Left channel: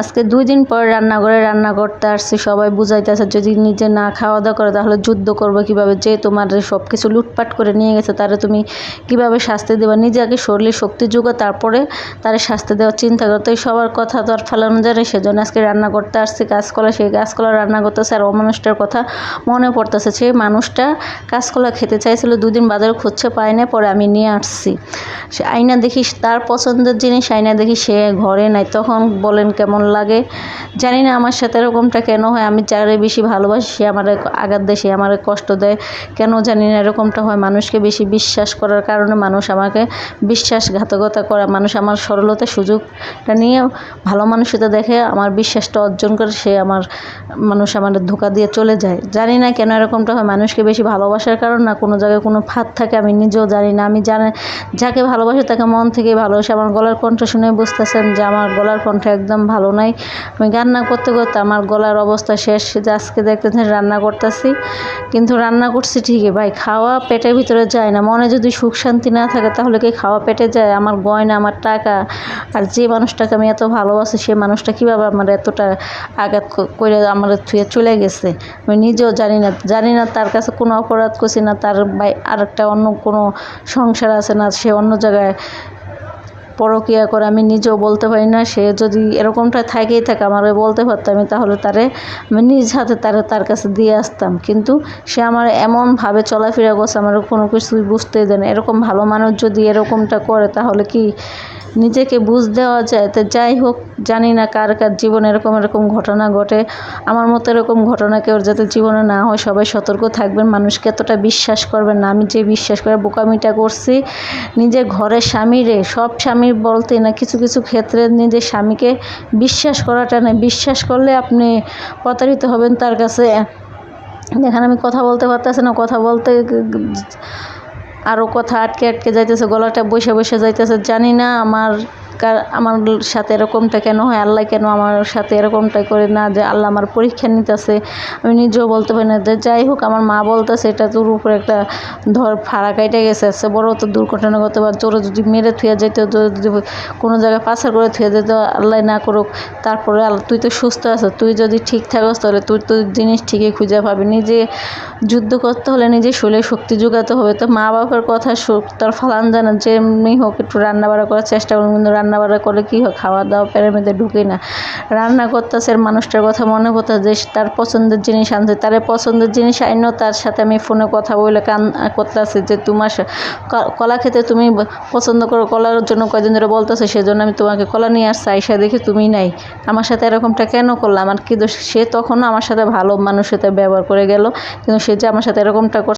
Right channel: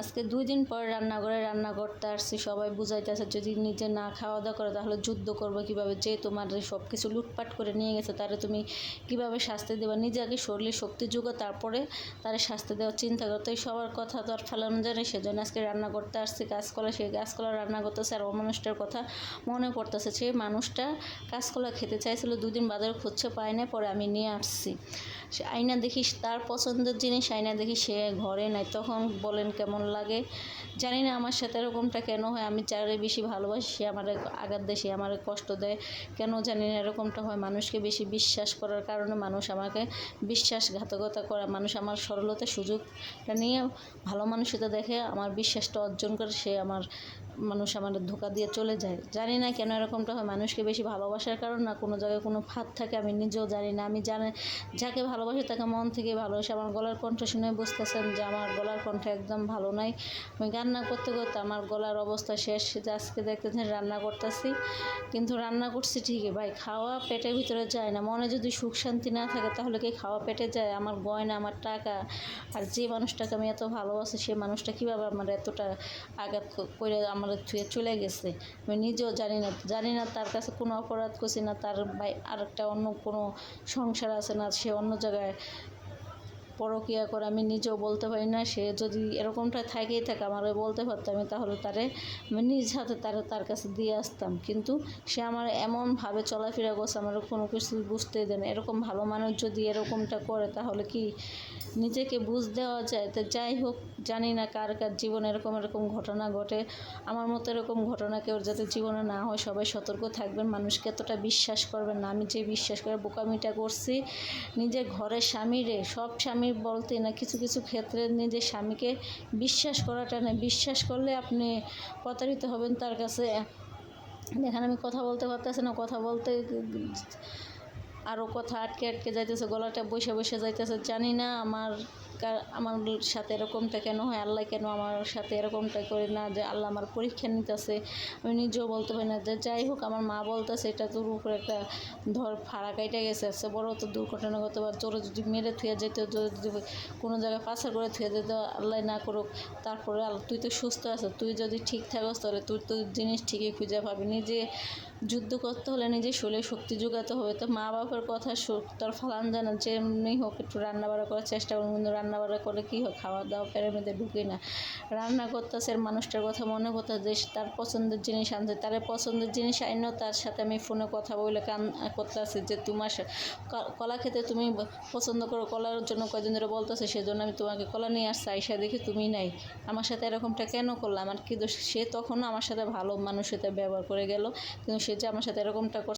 আজকে 2 দিন পর রান্নাঘরে রান্না করতে আসছি। সবাই বুঝাইতেছে যদি নিজে না খাওয়া দাওয়া করে তাহলে যুদ্ধ করবে কীভাবে, যে তোমার সব কিছু লুটপাট করে নিয়ে গেছে তারে তুমি কীভাবে শাস্তি দেবা, নিজে আগে শরীরে শক্তি যোগা তারপরে তারে শাস্তি দেওয়ার চিন্তা করো। তো এই সবার কথা তো আর ফেলানো যায় না, সেজন্য আজকে রান্না করতে আসছি। কাঁচকলা, সেই কাঁচকলা রান্না করতেছে। আর মানুষটার কথা মনে পড়তেছে, সেই মানুষটা কাঁচকলা খেতে চাইছিল, 2 দিন বাজারে খুঁজছে পায় না, পরে আমি নিয়ে আসছি। সে আইনা দেখি তার পছন্দের জিনিস, আইনা দেখি সে ঘরে নাই। তখন বলেন কেমন লাগে, জানি না আমার সাথে এরকমটা কেন হয়। আমি যারে বেশি ভালোবাসি সে আমার আঘাত দেয়, সে আমার কষ্ট দেয়, কেন জানি না এরকমটা হয়। মানুষকে বেশি বিশ্বাস করার কারণে মানুষ আমাকে বিশ্বাসঘাতকতা করে, মানুষ আমার সরলতার সুযোগটা নিয়ে ভালো মানুষটা দেখে আমার বিশ্বাসটা অর্জন করে, সে মানুষ আমার ধোঁকা দিয়ে চলে যায়। জানি না কেন এরকমটা হয়, মানুষকে বেশি ভালোবাসার কারণ না কোনো জায়গায় কোনো ফাঁদ থাকে আমি নিজেও জানি না। আমি যাকে ভালোবাসি তাকে মন থেকে ভালোবাসি। আমার গলার কণ্ঠ শুনে বুঝতেছেন যে আমার গলার কণ্ঠ একদম ভালো নাই। আমি রান্না করতে করতে আমার গলার অবস্থা শেষ। যে আজকে দেখতেছেন রান্না করতেছি, কিন্তু রান্না করছি ঠিকই ভাই, খাওয়া পেটের ভিতরে যায় না। মনে যদি সুখ শান্তি না থাকে তাহলে কি খাওয়া পেটে যায়? আমার গয়না, আমার টাকা, আর যে মানুষটাকে আমি এত ভালোবাসি সেই মানুষটা কীভাবে আমার এতটা আঘাত করে আমার থুয়ে চলে গেছে, আমি নিজেও জানি না তার কাছে কোনো অপরাধ করছি না, তার আরেকটা অন্য কোনো সংসার আছে না, সে অন্য জায়গায় পরকীয়া করে, আমি নিজেও বলতে পারি না। সে যদি এরকমটা থাকেই থাকে আমার বলতে পারতাম, আমি তাহলে আমি নিজ হাতে তার কাছে দিয়ে আসতাম। কিন্তু সে আমার এমনভাবে চলাফেরা করছে, আমার কোনো কিছুই বুঝতেই দেয় না। এরকম ভালো মানুষ যদি এরকমটা করে তাহলে কি নিজেকে বুঝ দেওয়া যায়? তো যাই হোক, জানি না কার জীবনে এরকম ঘটনা ঘটে। আমার মতো এরকম ঘটনা কেউ যাতে জীবনে না হয়, সবাই সতর্ক থাকবেন। মানুষকে এতটা বিশ্বাস করবেন না। আমি যে বিশ্বাস করে বোকামিটা করছি, নিজের ঘরের স্বামীরে, সব স্বামী বলতে না, কিছু কিছু ক্ষেত্রে নিজের স্বামীকে বিশ্বাস করাটা না, বিশ্বাস করলে আপনি প্রতারিত হবেন তার কাছে। দেখেন আমি কথা বলতে পারতেছি না, কথা বলতে আরও কথা আটকে যাইতেছে, গলাটা বসে যাইতেছে। জানি না আমার সাথে এরকমটা কেন হয়, আল্লাহ কেন আমার সাথে এরকমটা করে না, যে আল্লাহ আমার পরীক্ষা নিতেছে, আমি নিজেও বলতে পারি না। যাই হোক, আমার মা বলতেছে এটা তোর উপরে একটা ফাড়া কাইটে গেছে, বড় তো দুর্ঘটনা করতে পারে, তোরা যদি মেরে থুয়ে যেত, যদি কোনো জায়গায় পাচার করে থুয়ে যেত, আল্লাহ না করুক। তারপরে তুই তো সুস্থ আছো, তুই যদি ঠিক থাকস তাহলে তুই তো জিনিস ঠিকই খুঁজে পাবি। নিজে যুদ্ধ করতে হলে নিজে শরীরে শক্তি যোগাতে হবে। তো মা বাবার কথা তার ফালান জানা, যেমনি হোক একটু রান্নাবাড়া করার চেষ্টা করুন, কিন্তু রান্নাবাড়া করলে কী হয়, খাওয়া দাওয়া পেটের মধ্যে ঢুকে না। রান্না করতেছে, মানুষটার কথা মনে করতে যে তার পছন্দের জিনিস আনছে, তার পছন্দের জিনিস আইনও তার সাথে আমি ফোনে কথা বলে করতেছি যে তোমার কলা খেতে তুমি পছন্দ করো, কলার জন্য কয়দিন ধরে বলতেছে, সেজন্য আমি তোমাকে কলা নিয়ে আসছি, আইসা দেখি তুমি নাই। আমার সাথে এরকমটা কেন করলাম? আমার কি দোষ? সে তখনও আমার সাথে ভালো মানুষের সাথে ব্যবহার করে গেল, কিন্তু সে যে আমার সাথে এরকমটা